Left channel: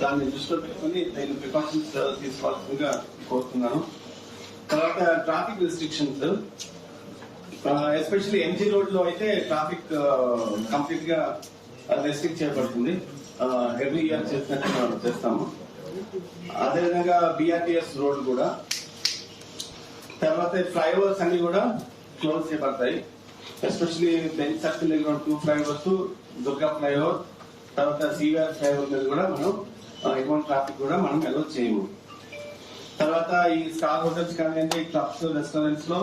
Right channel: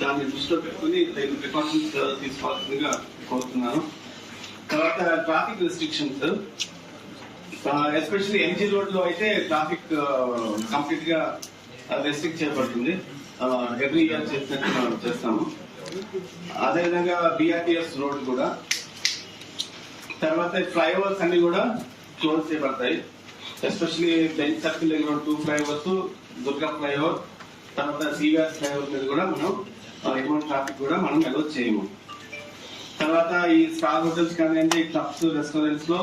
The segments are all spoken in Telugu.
దాన్ని దృష్టిలో పెట్టుకుని తగిన ప్రికాషన్స్ తీసుకోవాల్సిందిగా కోరుతున్నాను. తర్వాత ట్రాఫిక్ రిస్ట్రిక్షన్స్ ఎస్పెషల్లీ ఎంజీ రోడ్లో అయితే ట్రాఫిక్ కంప్లీట్గా రెస్ట్రిక్ట్ చేయబడుతుంది. ఎవ్రీ ఇయర్ చేసినట్టు మనం చేస్తాము. అదేవిధంగా బిఆర్టీఎస్ రోడ్ కూడా. తర్వాత ఫ్లైఓవర్స్ అన్ని కూడా క్లోజ్ చేయబడతాయి. ఎస్పెషల్లీ బెంచ్ సర్కిల్ దగ్గర టూ ఫ్లైఓవర్స్ దుర్గా ఫ్లైఓవర్ తర్వాత సివిఆర్ ఫ్లైఓవర్ మీద కూడా మనం ఆ, ట్రాఫిక్ కూడా మనం అలో చేయము. తర్వాత ఈ స్టార్ హోటల్స్ కానివ్వండి క్లబ్స్ రెస్టారెంట్స్లో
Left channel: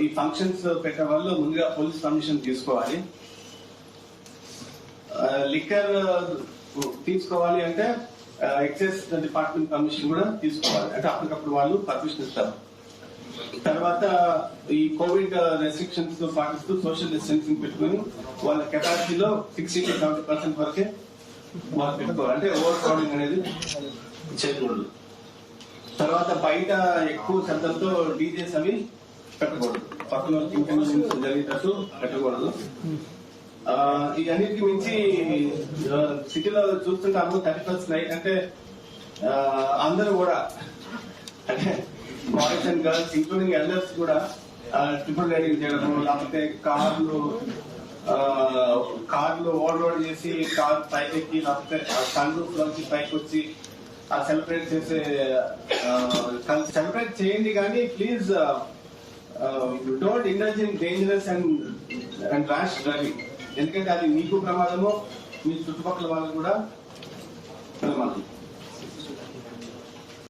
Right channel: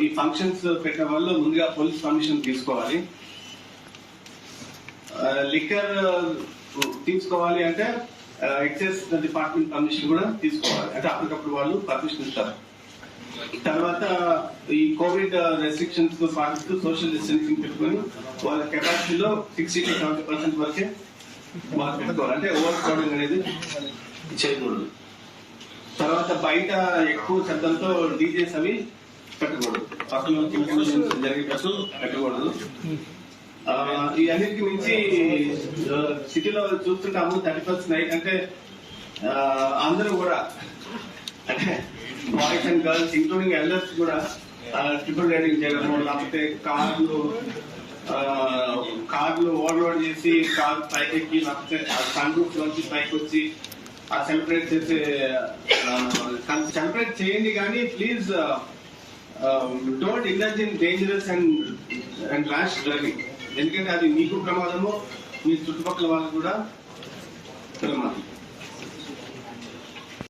ఈ ఫంక్షన్స్ పెట్టే వాళ్ళు ముందుగా పోలీస్ పర్మిషన్ తీసుకోవాలి. లిక్కర్ తీసుకోవాలి అంటే ఎక్సైజ్ డిపార్ట్మెంట్ పర్మిషన్ కూడా తీసుకోవాలి. అంటే అప్పటికప్పుడు వాళ్ళు పర్మిషన్ ఇస్తారు. తర్వాత ఈ కోవిడ్ రెస్ట్రిక్షన్స్తో పాటిస్తూ సోషల్ డిస్టెన్సింగ్ పెట్టుకుని వాళ్ళ కెపాసిటీలో సిక్స్టీ టు సెవెంటీ పర్సెంట్ వరకే వాళ్ళు పెట్టుకోవాలి. అంటే ఓవర్ క్రౌడింగ్ అనేది చేయకూడదు. తర్వాత బయట ఎక్కువ శబ్దంతో డీజేస్ అవి పెట్టకూడదు. పక్కన వాళ్ళకి జరిగేటట్టు పెట్టకూడదు. ఆ, ఈ అన్నిటికి మించి సిటీలో చూస్తుంటాము థర్టీ ఫస్ట్ నైట్ అంటే అందరూ కూడా అంటే boys and girls including elders కూడా ట్రిపుల్ రైడింగ్ చేయడము లేకపోతే కార్లు కార్లు ఓవర్లోడ్ చేసి కార్ పైకి ఎక్కి లేకపోతే సన్ రూఫ్ నుంచి పైకి వచ్చి ఆ సెలబ్రేట్ చేసే సెలబ్రేట్ చేయండి కానీ please don't indulge in dangerous and and rash driving ఎందుకంటే అది మీకు ప్రమాదము మీ చుట్టుపక్కల వాళ్ళకు కూడా ప్రమాదం.